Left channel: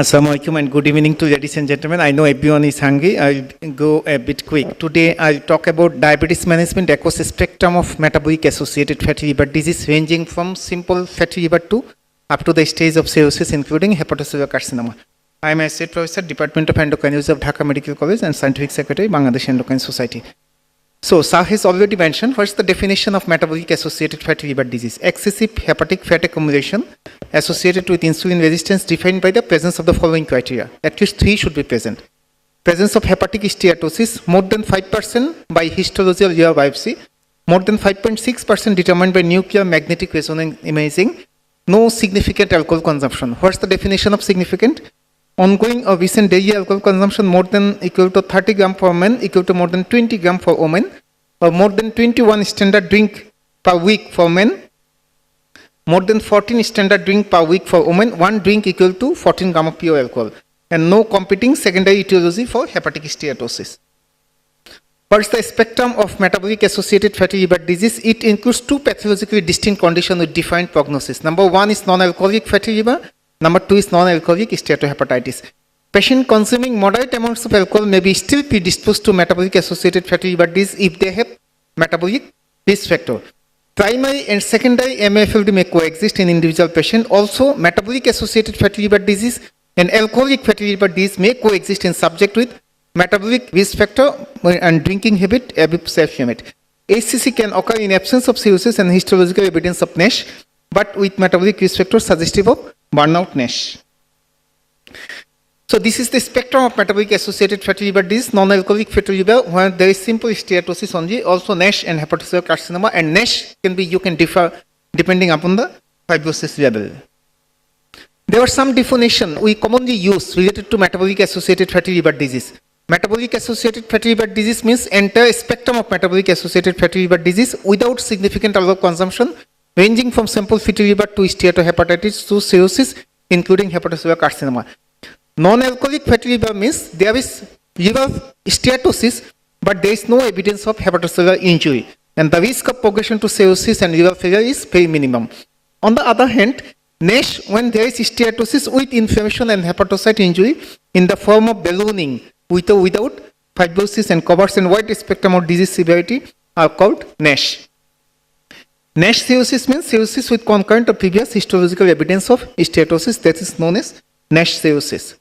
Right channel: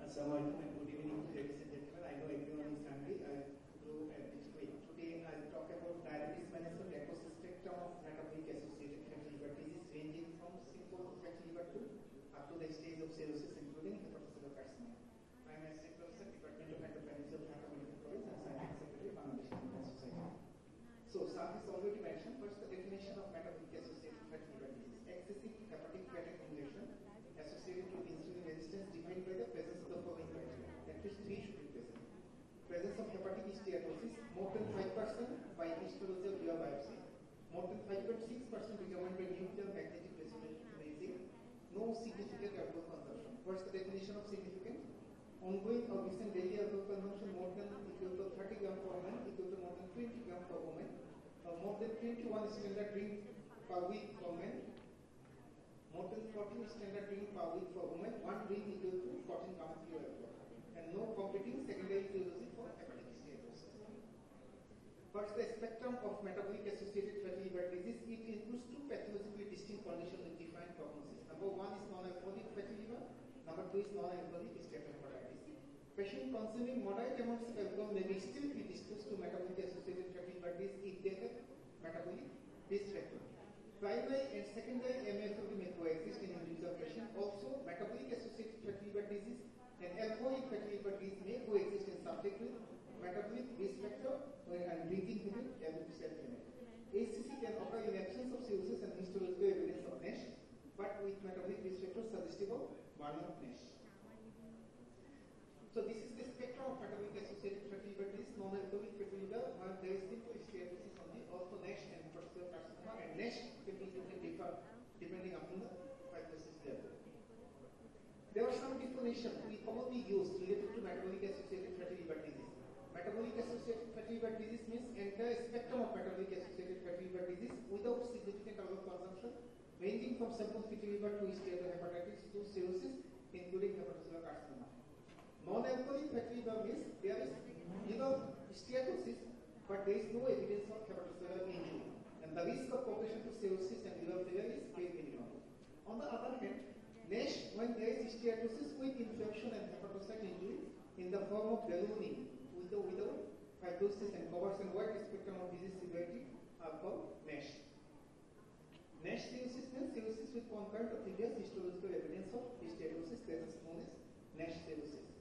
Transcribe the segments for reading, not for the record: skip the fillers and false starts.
Assalamualaikum and good evening to ladies and gentlemen. I know everyone is hungry. I'll go a bit quick. Today I'll talk about diabetes management across a spectrum of metabolic-associated fatty liver disease ranging from simple fatty liver to up to the stage of cirrhosis including hepatocellular carcinoma. I am Associate Professor, Department of Endocrinology of Dhaka Medical College and Scientific Secretary, Bangladesh Endocrine Society. So, Sah has already mentioned what's the definition of metabolic-associated fatty liver disease. Excessive hepatic fat accumulation associated with insulin resistance defined by the presence of the following criteria. At least 3 should be present. Presence of hepatic steatosis more than 5% by histology or liver biopsy, more than 5.6% determined by nuclear magnetic resonance imaging, no significant alcohol consumption. What's the definition of significant? Ongoing or recent daily alcohol consumption more than equal to 30 gram for men, equal to more than 20 gram for women, or more than 21 standard drink per week for men, more than 14 standard drink per week for women, 1 drink equal to 14 gram of pure alcohol, and no competing secondary etiology for hepatic steatosis. What's the spectrum of metabolic-associated fatty liver disease? It includes 2 pathologically distinct conditions with defined prognosis. Number 1 is non-alcoholic fatty liver. Number 2 is non-alcoholic steatohepatitis. Patient consuming moderate amounts of alcohol may be still predisposed to metabolic-associated fatty liver disease if they have metabolic risk factor. Primary and secondary MAFLD may coexist in individual patient. Also, metabolic-associated fatty liver disease and alcoholic fatty liver disease may coexist in subject with metabolic risk factor and drinking habit above self-limit. HCC can occur in absence of cirrhosis and histological evidence of NASH, but with metabolic risk factor suggestive of burnout NASH. So this is the spectrum of metabolic-associated fatty liver disease, non-alcoholic fatty liver, where there is simple steatosis only, also NASH and hepatocellular carcinoma, and NASH you can differ depending upon the fibrosis level. There are some definition we commonly use related to metabolic-associated fatty liver disease. Metabolic-associated fatty liver disease means entire spectrum of metabolic-associated fatty liver disease without significant alcohol consumption, ranging from simple fatty liver to steatohepatitis to cirrhosis, including hepatocellular carcinoma. Non-alcoholic fatty liver means there is liver steatosis, but there is no evidence of hepatocellular injury, and the risk of progression to cirrhosis and liver failure is very minimum. On the other hand, NASH, when there is steatosis with inflammation and hepatocyte injury in the form of ballooning with or without fibrosis and covers and wide spectrum of disease severity, are called NASH. NASH cirrhosis means cirrhosis with concurrent or previous histological evidence of steatosis, that is known as NASH cirrhosis.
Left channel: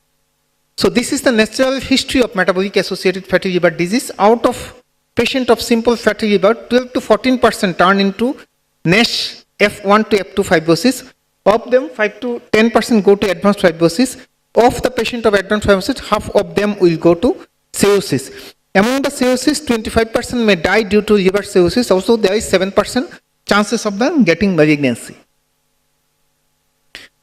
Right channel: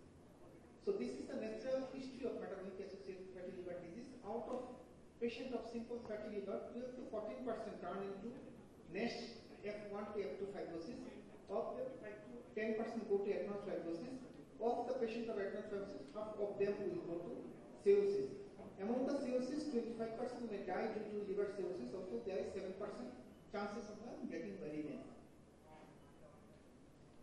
So this is the natural history of metabolic-associated fatty liver disease. Out of patient of simple fatty liver, 12 to 14% turn into NASH F1 to F2 fibrosis. Of them, 5 to 10% go to advanced fibrosis. Of the patient of advanced fibrosis, half of them will go to cirrhosis. Among the cirrhosis, 25% may die due to liver cirrhosis. Also, there is 7% chances of them getting malignancy.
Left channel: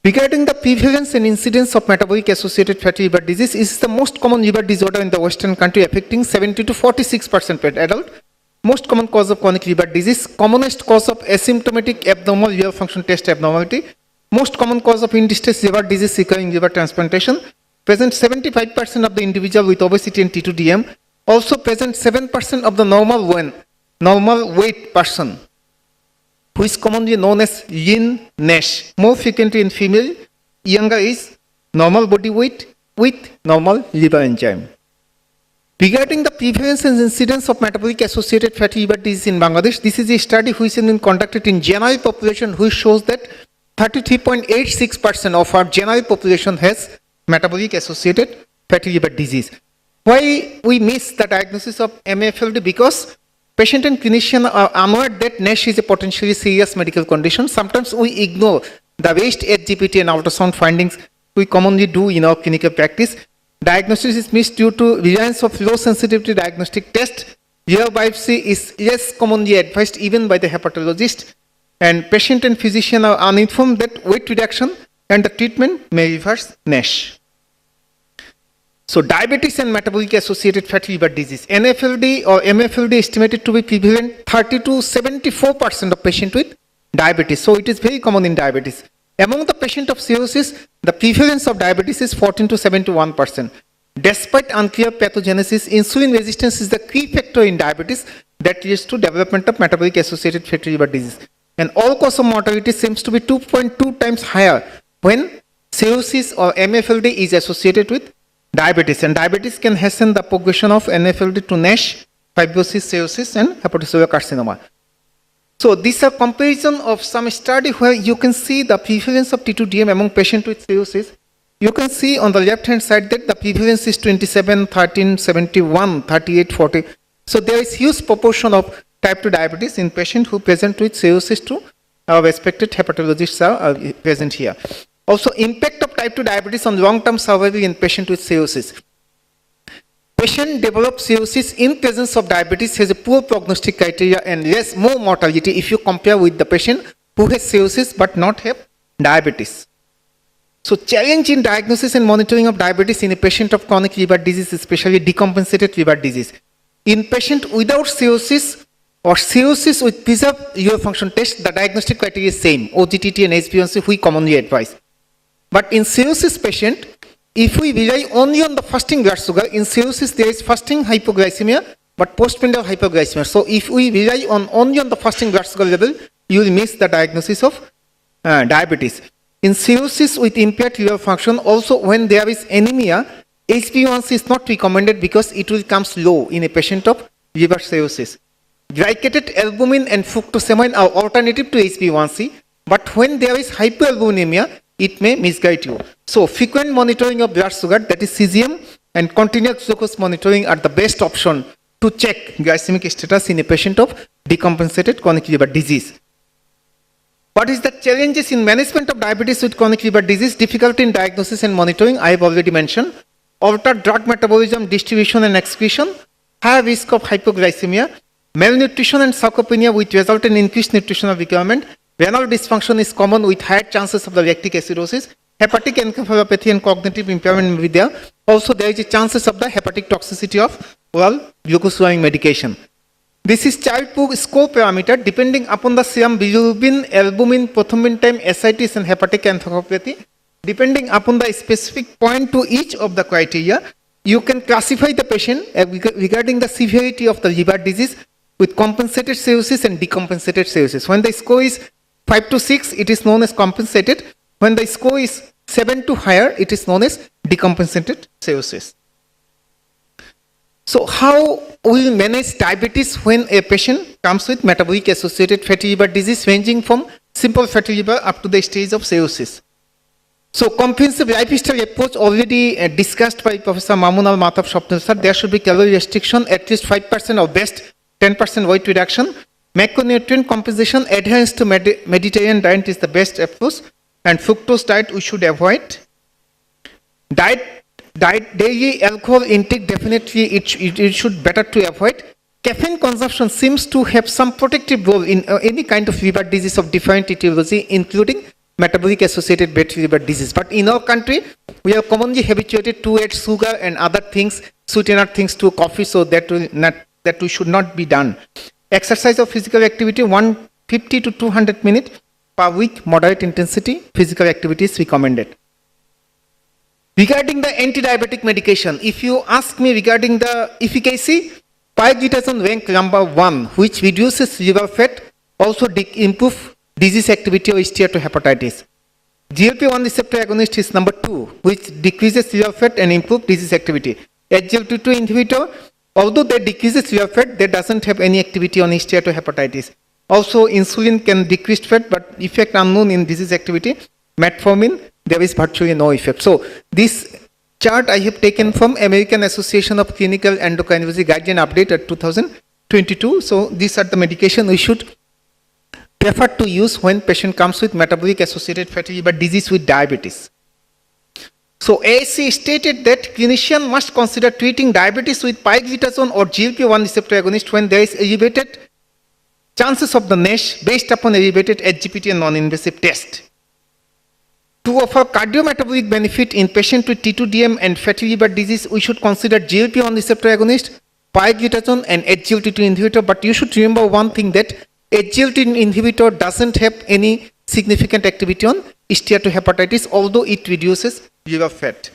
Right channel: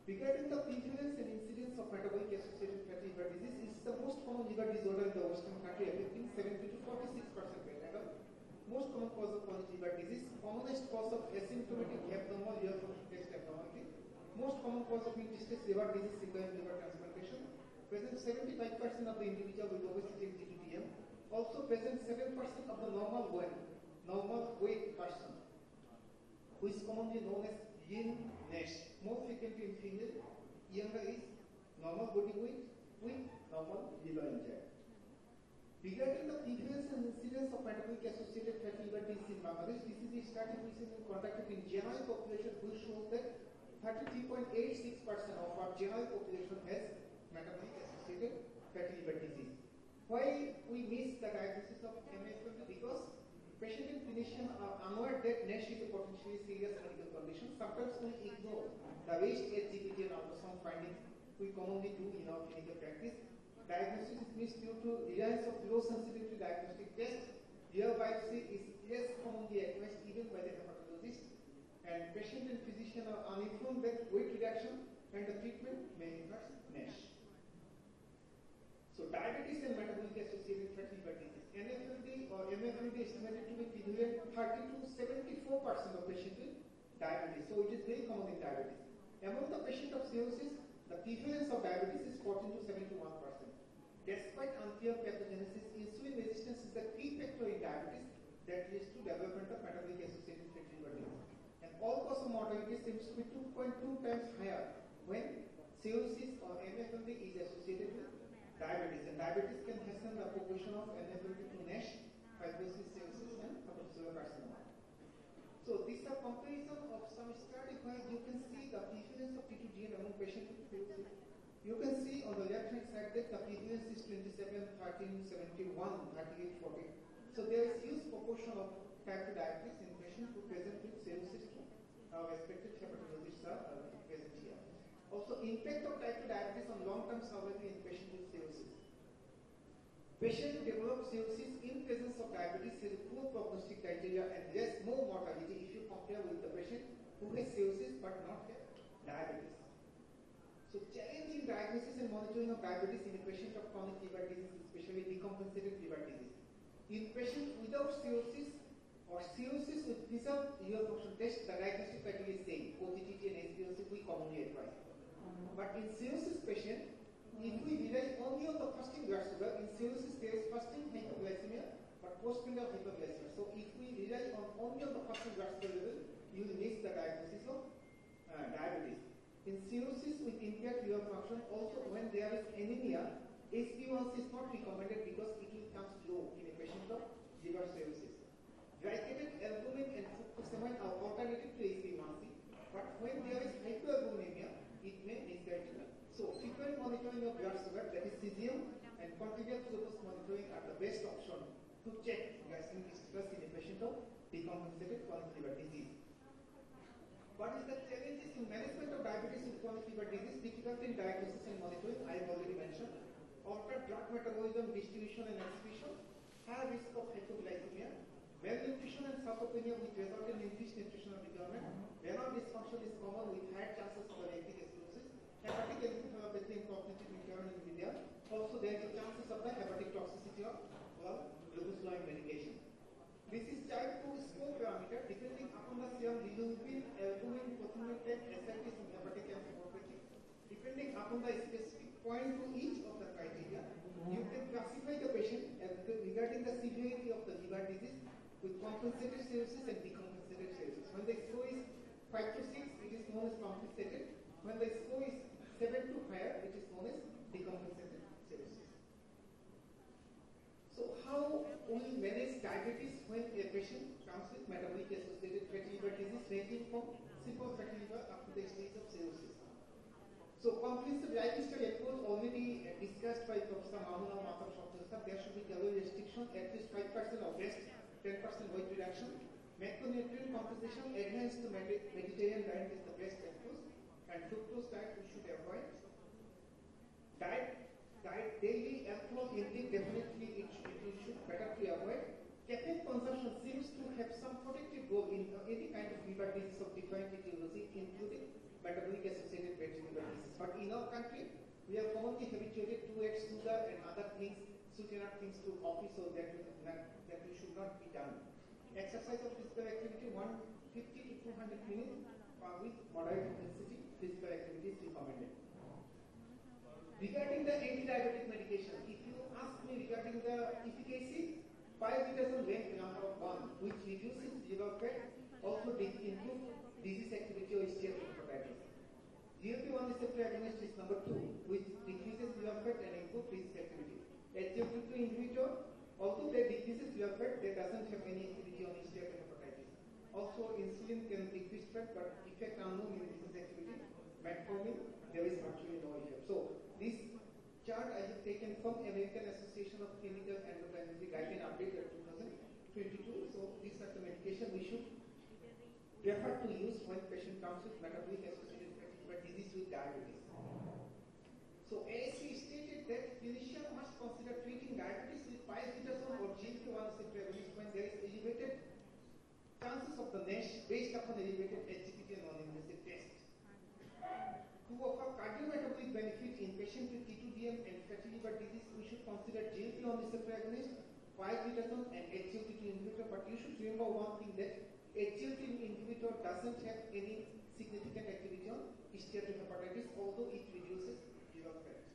Regarding the prevalence and incidence of metabolic-associated fatty liver disease, it is the most common liver disorder in the Western country, affecting 70 to 46% per adult. Most common cause of chronic liver disease, commonest cause of asymptomatic abnormal liver function test abnormality, most common cause of end-stage liver disease requiring liver transplantation, present 75% of the individual with obesity and T2DM, also present 7% of the normal weight person, who is commonly known as lean NASH, more frequently in female, younger age, normal body weight with normal liver enzyme. Regarding the prevalence and incidence of metabolic-associated fatty liver disease in Bangladesh, this is a study which has been conducted in general population, which shows that 33.86% of our general population has metabolic-associated fatty liver disease. Why we miss the diagnosis of MAFLD? Because patient and clinician are unaware that NASH is a potentially serious medical condition. Sometimes we ignore the waist HGPT and ultrasound findings we commonly do in our clinical practice. Diagnosis is missed due to reliance of low sensitivity diagnostic test. Liver biopsy is less commonly advised even by the hepatologist, and patient and physician are uninformed that weight reduction and the treatment may reverse NASH. So diabetes and metabolic-associated fatty liver disease. NAFLD or MAFLD estimated to be prevalent 30 to 74% of patients with diabetes. So it is very common in diabetes. Among the patient of cirrhosis, the prevalence of diabetes is 14 to 71%. Despite unclear pathogenesis, insulin resistance is the key factor in diabetes that leads to development of metabolic-associated fatty liver disease. And all-cause of mortality seems to be 2.2 times higher when cirrhosis or MAFLD is associated with diabetes, and diabetes can hasten the progression of MAFLD to NASH, fibrosis, cirrhosis, and hepatocellular carcinoma. So these are comparison of some study where you can see the prevalence of T2DM among patients with cirrhosis. You can see on the left-hand side that the prevalence is 27, 13, 71, 38, 40. So there is huge proportion of type 2 diabetes in patients who present with cirrhosis to our respected hepatologists are present here. Also, impact of type 2 diabetes on long-term survival in patients with cirrhosis. Patient develops cirrhosis in presence of diabetes has a poor prognostic criteria and more mortality if you compare with the patient who has cirrhosis but not have diabetes. So challenge in diagnosis and monitoring of diabetes in a patient of chronic liver disease, especially decompensated liver disease. In patient without cirrhosis or cirrhosis with preserved liver function test, the diagnostic criteria is same, OGTT and HbA1c we commonly advise. But in cirrhosis patient, if we rely only on the fasting blood sugar, in cirrhosis there is fasting hypoglycemia, but postprandial hypoglycemia. So if we rely only on the fasting blood sugar level, you will miss the diagnosis of diabetes. In cirrhosis with impaired liver function, also when there is anemia, HbA1c is not recommended because it will come low in a patient of liver cirrhosis. Glycated albumin and fructosamine are alternative to HbA1c, but when there is hyperalbuminemia, it may misguide you. So frequent monitoring of blood sugar, that is CGM, and continuous glucose monitoring are the best option to check glycemic status in a patient of decompensated chronic liver disease. What is the challenges in management of diabetes with chronic liver disease? Difficulty in diagnosis and monitoring, I have already mentioned. Altered drug metabolism, distribution and excretion, high risk of hypoglycemia, malnutrition and sarcopenia which result in increased nutritional requirement. Renal dysfunction is common with higher chances of the lactic acidosis. Hepatic encephalopathy and cognitive impairment may be there. Also, there is a chances of the hepatic toxicity of oral glucose-lowering medication. This is child score parameter depending upon the serum bilirubin, albumin, prothrombin time, ascites and hepatic encephalopathy. Depending upon the specific point to each of the criteria, you can classify the patient regarding the severity of the liver disease with compensated cirrhosis and decompensated cirrhosis. When the score is 5 to 6, it is known as compensated. When the score is 7 to higher, it is known as decompensated cirrhosis. So how we manage diabetes when a patient comes with metabolic-associated fatty liver disease ranging from simple fatty liver up to the stage of cirrhosis? So comprehensive lifestyle approach already discussed by Professor Mamunal Mathab Shopnal sir. There should be calorie restriction, at least 5% or best 10% weight reduction. Macronutrient compensation, adherence to Mediterranean diet is the best approach, and fructose diet we should avoid. Daily alcohol intake, definitely it should better to avoid. Caffeine consumption seems to have some protective role in any kind of liver disease of different etiology, including metabolic-associated fatty liver disease. But in our country, we are commonly habituated to add sugar and other things, sweetener things to coffee, so that we should not be done. Exercise or physical activity, 150 to 200 minutes per week, moderate intensity physical activity is recommended. Regarding the anti-diabetic medication, if you ask me regarding the efficacy, pioglitazone rank number 1, which reduces liver fat, also improve disease activity or steatohepatitis. GLP-1 receptor agonist is number 2, which decreases liver fat and improve disease activity. SGLT2 inhibitor, although they decreases liver fat, they doesn't have any activity on steatohepatitis. Also, insulin can decrease fat, but effect unknown in disease activity. Metformin, there is virtually no effect. So this chart I have taken from American Association of Clinical Endocrinology Guideline Update at 2022. So these are the medication we should prefer to use when patient comes with metabolic-associated fatty liver disease with diabetes. So ASC stated that clinician must consider treating diabetes with pioglitazone or GLP-1 receptor agonist when there is elevated chances of the NASH based upon elevated SGPT and non-invasive test. To offer cardiometabolic benefit in patient with T2DM and fatty liver disease, we should consider GLP-1 receptor agonist, pioglitazone and SGLT2 inhibitor. But you should remember one thing, that SGLT2 inhibitor doesn't have any significant activity on steatohepatitis, although it reduces liver fat.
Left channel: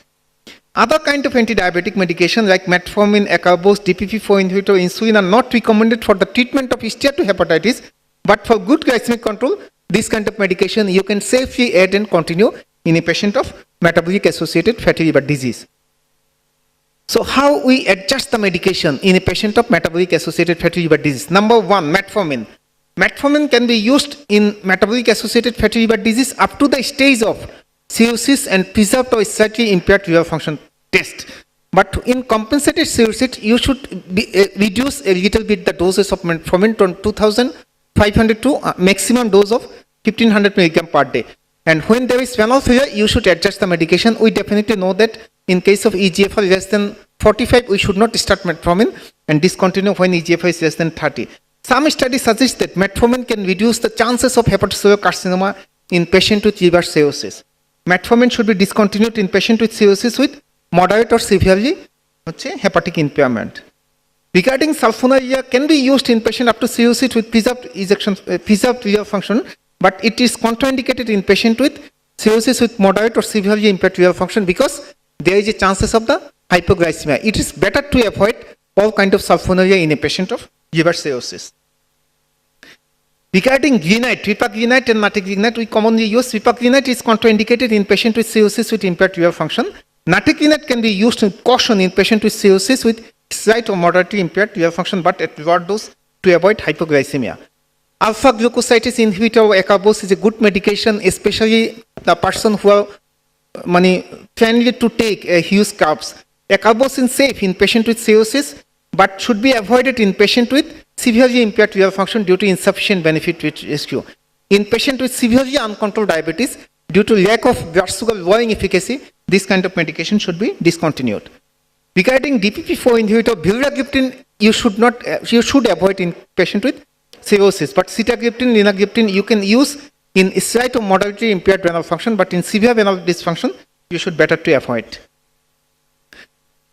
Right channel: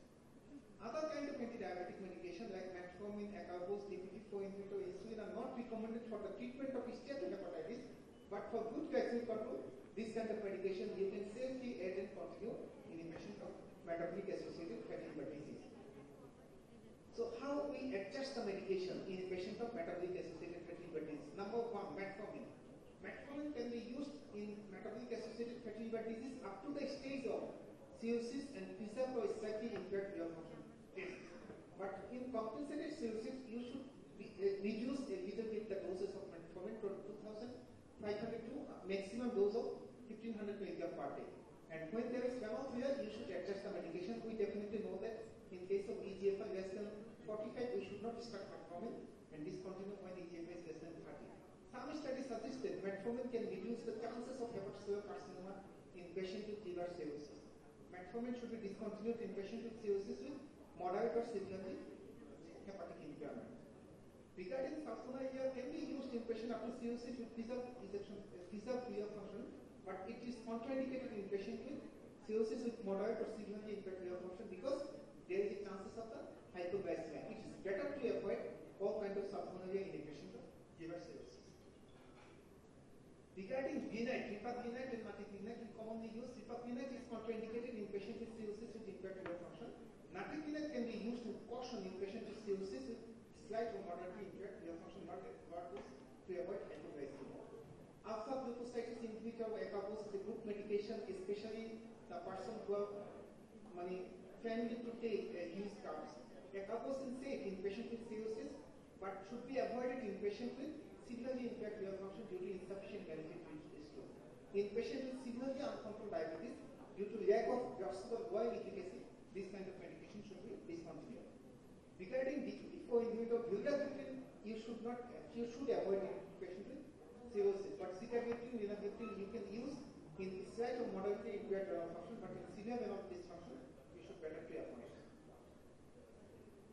Other kind of anti-diabetic medication like metformin, acarbose, DPP-4 inhibitor, insulin are not recommended for the treatment of steatohepatitis, but for good glycemic control, this kind of medication you can safely add and continue in a patient of metabolic-associated fatty liver disease. So how we adjust the medication in a patient of metabolic-associated fatty liver disease? Number one, metformin. Metformin can be used in metabolic-associated fatty liver disease up to the stage of cirrhosis and preserved or slightly impaired liver function test. But in compensated cirrhosis, you should reduce a little bit the doses of metformin from 2,500 to a maximum dose of 1,500 milligram per day. And when there is renal failure, you should adjust the medication. We definitely know that in case of EGFR less than 45, we should not start metformin and discontinue when EGFR is less than 30. Some studies suggest that metformin can reduce the chances of hepatocellular carcinoma in patients with liver cirrhosis. Metformin should be discontinued in patients with cirrhosis with moderate or severely hepatic impairment. Regarding sulfonylurea, can be used in patients up to cirrhosis with preserved liver function, but it is contraindicated in patients with cirrhosis with moderate or severely impaired liver function because there is a chances of the hypoglycemia. It is better to avoid all kind of sulfonylurea in a patient of liver cirrhosis. Regarding grenite, ripagrenite and natigreenite, we commonly use. Ripagrenite is contraindicated in patients with cirrhosis with impaired liver function. Natigreenite can be used with caution in patients with cirrhosis with slight or moderately impaired liver function, but at lower dose to avoid hypoglycemia. Alpha glucoside inhibitor or acarbose is a good medication, especially the person who are friendly to take huge carbs. Acarbose is safe in patients with cirrhosis, but should be avoided in patients with severely impaired liver function due to insufficient benefit risk. In patients with severely uncontrolled diabetes, due to lack of blood sugar lowering efficacy, this kind of medication should be discontinued. Regarding DPP-4 inhibitor, vildagliptin you should avoid in patients with cirrhosis, but sitagliptin, linagliptin you can use in slight or moderately impaired renal function, but in severe renal dysfunction, you should better to avoid.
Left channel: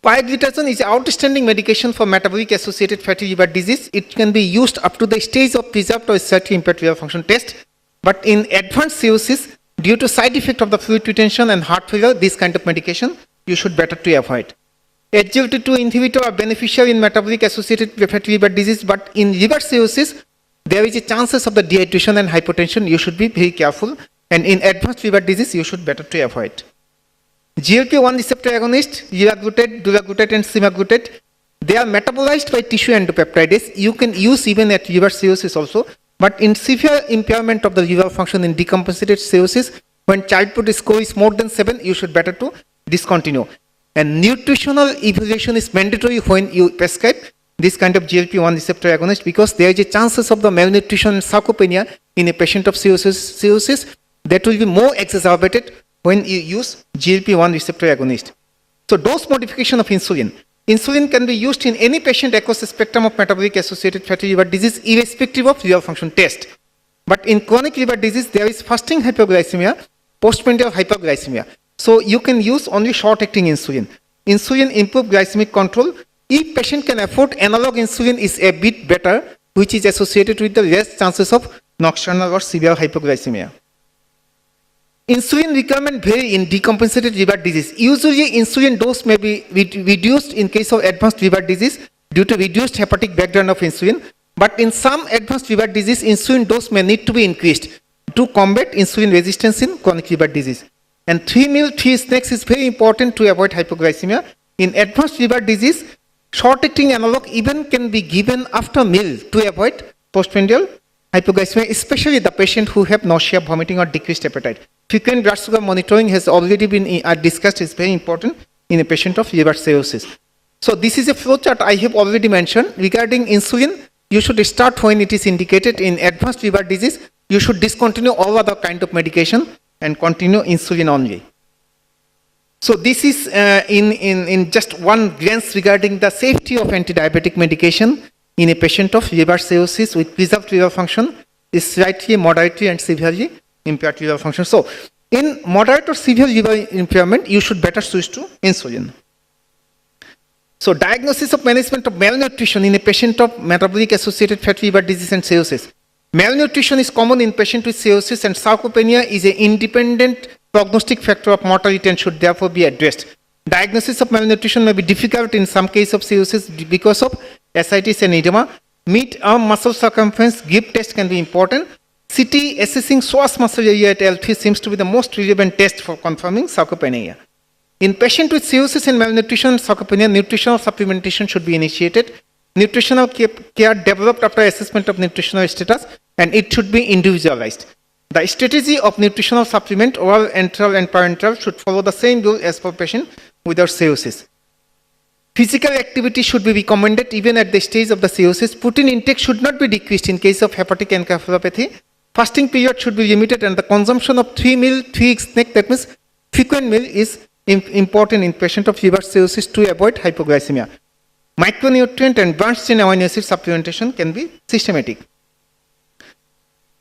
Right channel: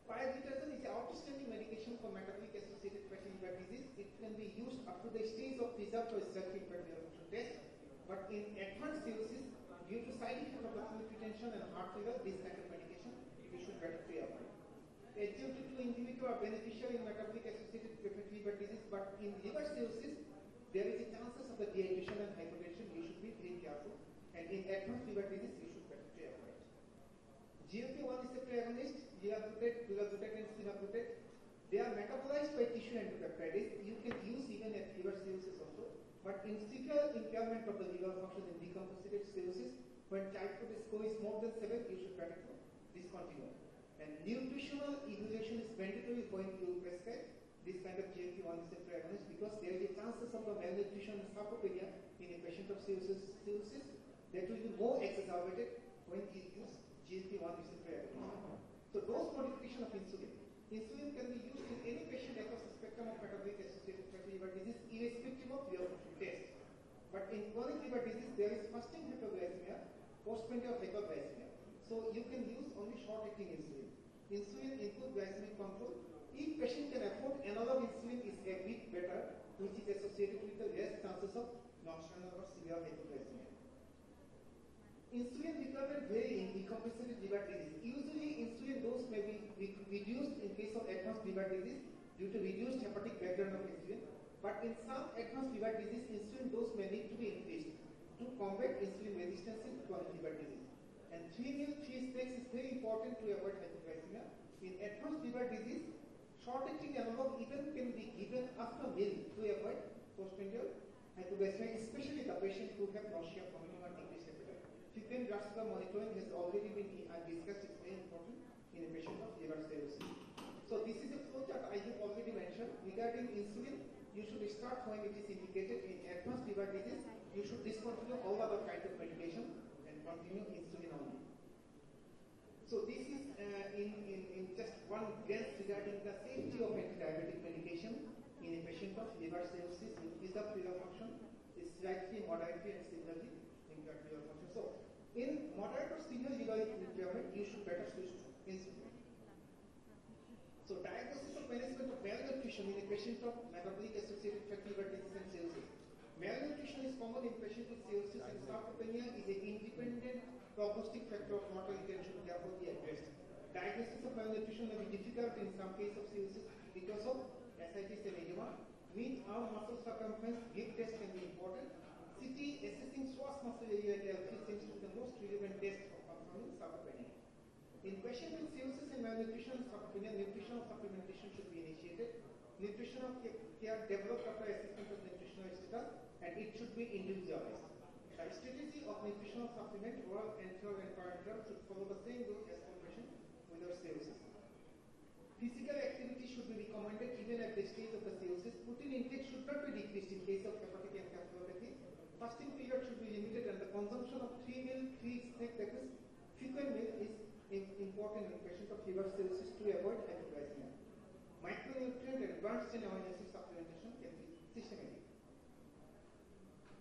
Pioglitazone is an outstanding medication for metabolic-associated fatty liver disease. It can be used up to the stage of preserved or slightly impaired liver function test, but in advanced cirrhosis, due to side effect of the fluid retention and heart failure, this kind of medication you should better to avoid. SGLT2 inhibitor are beneficial in metabolic-associated fatty liver disease, but in liver cirrhosis, there is a chances of the dehydration and hypotension. You should be very careful, and in advanced liver disease, you should better to avoid. GLP-1 receptor agonist, liraglutide, dulaglutide, and semaglutide, they are metabolized by tissue endopeptidase. You can use even at liver cirrhosis also, but in severe impairment of the liver function in decompensated cirrhosis, when childhood score is more than 7, you should better to discontinue. And nutritional evaluation is mandatory when you prescribe this kind of GLP-1 receptor agonist because there is a chances of the malnutrition and sarcopenia in a patient of cirrhosis that will be more exacerbated when you use GLP-1 receptor agonist. So dose modification of insulin. Insulin can be used in any patient across the spectrum of metabolic-associated fatty liver disease irrespective of liver function test. But in chronic liver disease, there is fasting hypoglycemia, postprandial hyperglycemia. So you can use only short-acting insulin. Insulin improves glycemic control. If patient can afford, analog insulin is a bit better, which is associated with the less chances of nocturnal or severe hypoglycemia. Insulin requirement vary in decompensated liver disease. Usually, insulin dose may be reduced in case of advanced liver disease due to reduced hepatic background of insulin. But in some advanced liver disease, insulin dose may need to be increased to combat insulin resistance in chronic liver disease. And 3 meal, 3 snacks is very important to avoid hypoglycemia. In advanced liver disease, short-acting analog even can be given after meal to avoid postprandial hypoglycemia, especially the patient who have nausea, vomiting, or decreased appetite. Frequent blood sugar monitoring has already been discussed, is very important in a patient of liver cirrhosis. So this is a flowchart I have already mentioned. Regarding insulin, you should start when it is indicated. In advanced liver disease, you should discontinue all other kind of medication and continue insulin only. So this is in just one glance regarding the safety of anti-diabetic medication in a patient of liver cirrhosis with preserved liver function is slightly, moderately, and severely impaired liver function. So in moderate or severe liver impairment, you should better switch to insulin. So diagnosis of management of malnutrition in a patient of metabolic-associated fatty liver disease and cirrhosis. Malnutrition is common in patients with cirrhosis, and sarcopenia is an independent prognostic factor of mortality and should therefore be addressed. Diagnosis of malnutrition may be difficult in some cases of cirrhosis because of ascites and edema. Mid-arm muscle circumference grip test can be important. CT assessing psoas muscle area at L3 seems to be the most relevant test for confirming sarcopenia. In patients with cirrhosis and malnutrition and sarcopenia, nutritional supplementation should be initiated. Nutritional care developed after assessment of nutritional status, and it should be individualized. The strategy of nutritional supplement, oral, enteral, and parenteral, should follow the same rule as for patient without cirrhosis. Physical activity should be recommended even at the stage of the cirrhosis. Protein intake should not be decreased in case of hepatic encephalopathy. Fasting period should be limited, and the consumption of 3 snack, that means frequent meal, is important in patient of liver cirrhosis to avoid hypoglycemia. Micronutrient and branched chain amino acid supplementation can be systematic.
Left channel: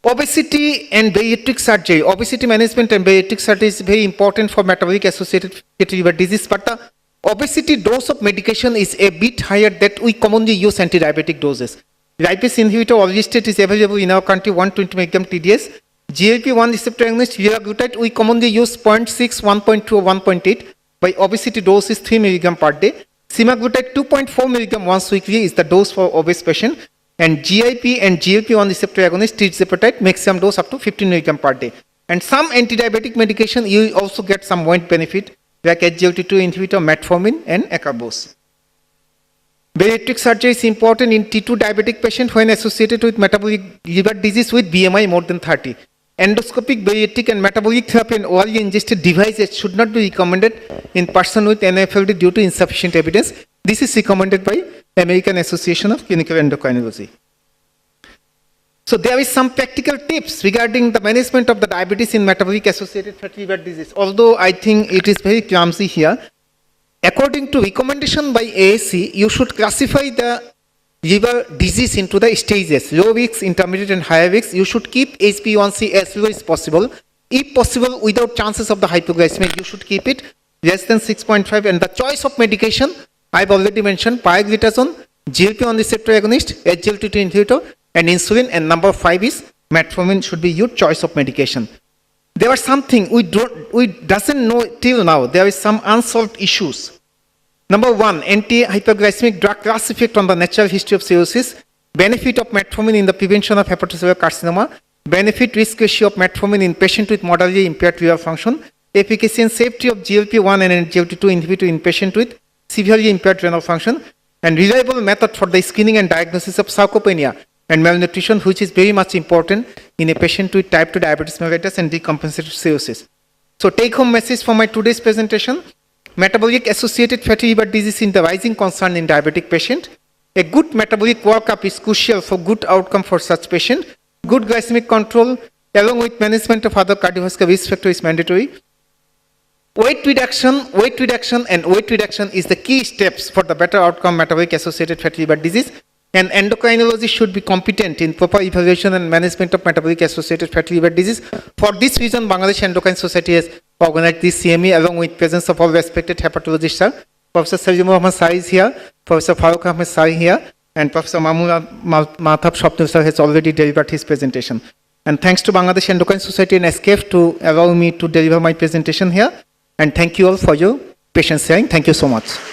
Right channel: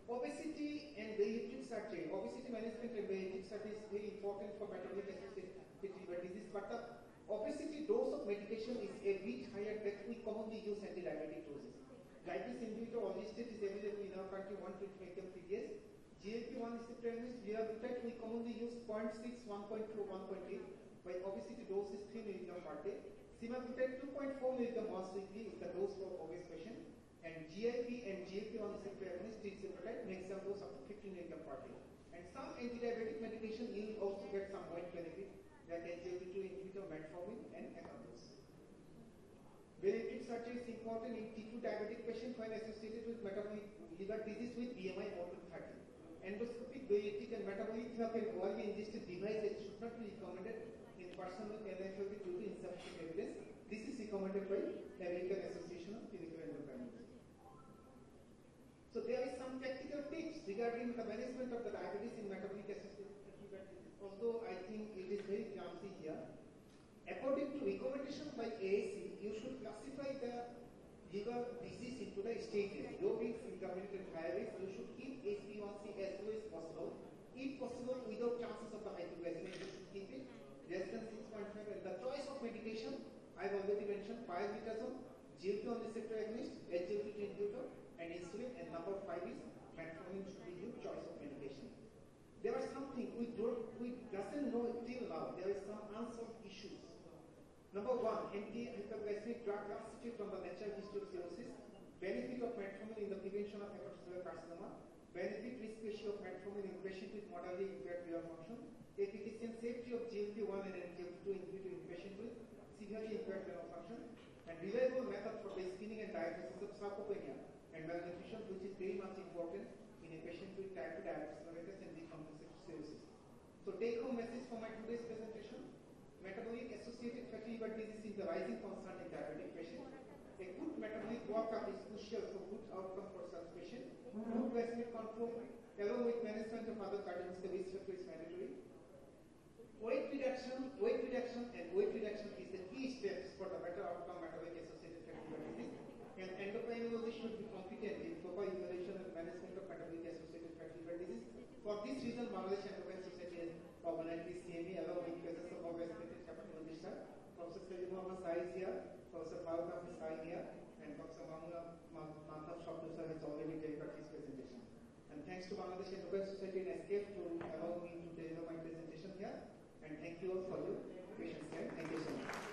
Obesity and bariatric surgery. Obesity management and bariatric surgery is very important for metabolic-associated fatty liver disease, but the obesity dose of medication is a bit higher that we commonly use anti-diabetic doses. Lipase inhibitor orlistat is available in our country 120 mg TDS. GLP-1 receptor agonist liraglutide we commonly use 0.6, 1.2 or 1.8. By obesity dose is 3 mg per day. Semaglutide 2.4 mg once weekly is the dose for obese patient. And GIP and GLP-1 receptor agonist tirzepatide maximum dose up to 15 mg per day. And some anti-diabetic medication you also get some weight benefit like SGLT2 inhibitor, metformin and acarbose. Bariatric surgery is important in T2 diabetic patient when associated with metabolic liver disease with BMI more than 30. Endoscopic, bariatric and metabolic therapy and orally ingested devices should not be recommended in person with MAFLD due to insufficient evidence. This is recommended by American Association of Clinical Endocrinology. So there is some practical tips regarding the management of the diabetes in metabolic-associated fatty liver disease. Although I think it is very clumsy here. According to recommendation by AAC, you should classify the liver disease into the stages, low risk, intermediate and higher risk. You should keep HbA1c as low as possible. If possible, without chances of the hypoglycemia, you should keep it less than 6.5. And the choice of medication, I've already mentioned, pioglitazone, GLP-1 receptor agonist, SGLT2 inhibitor, and insulin. And number 5 is metformin should be your choice of medication. There was something we doesn't know till now. There is some unsolved issues. Number 1, anti-hyperglycemic drug class effect on the natural history of cirrhosis, benefit of metformin in the prevention of hepatocellular carcinoma, benefit risk ratio of metformin in patient with moderately impaired liver function, efficacy and safety of GLP-1 and SGLT2 inhibitor in patient with severely impaired renal function, and reliable method for the screening and diagnosis of sarcopenia and malnutrition, which is very much important in a patient with type 2 diabetes mellitus and decompensated cirrhosis. So take home message for my today's presentation: metabolic-associated fatty liver disease is the rising concern in diabetic patient. A good metabolic workup is crucial for good outcome for such patient. Good glycemic control along with management of other cardiovascular risk factor is mandatory. Weight reduction is the key steps for the better outcome metabolic-associated fatty liver disease. And endocrinology should be competent in proper evaluation and management of metabolic-associated fatty liver disease. For this reason, Bangladesh Endocrine Society has organized this CME along with presence of all respected hepatologists. Professor Salimur Ahmad Sai is here, Professor Farooq Ahmed Sai here, and Professor Mahmoud Mathab Shopnur sir has already delivered his presentation. And thanks to Bangladesh Endocrine Society and SKF to allow me to deliver my presentation here. And thank you all for your patience hearing. Thank you so much.